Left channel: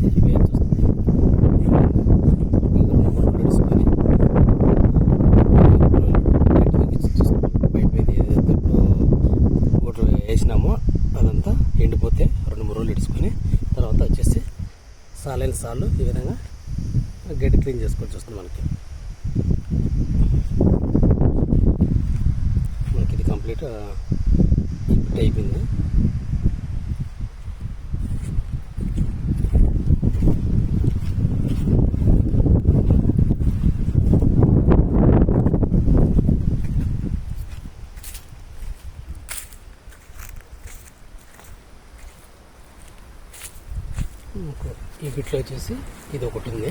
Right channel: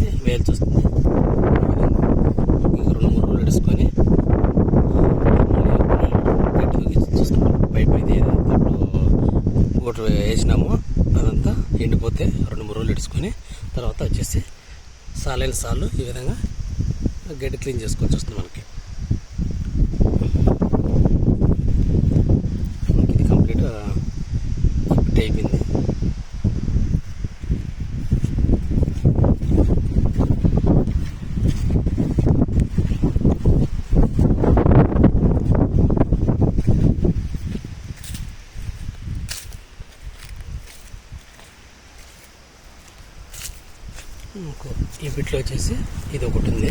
అనేది వేయాల్సి వస్తుంది. ఇంక 2-3 రోజులు ఇడుచుకొని చూస్తున్నాం. పైప్ ఇది ఏదైతే ఇప్పుడు ఒకటి వేసినామో అదంతా ఎండిపోతే 2-3 రోజులు ఇడుచుకొని తర్వాత వచ్చేసి సాలైన సార్లు ఈ విధంగా గడ్డి క్లీన్ చేసుకోవాల్సి వస్తుంది మనకి. ఇది కంప్లీట్ ఫిట్ అయిపోయింది. ఈ బిట్లో వచ్చేసి ఇది ఒకటి ఉంది.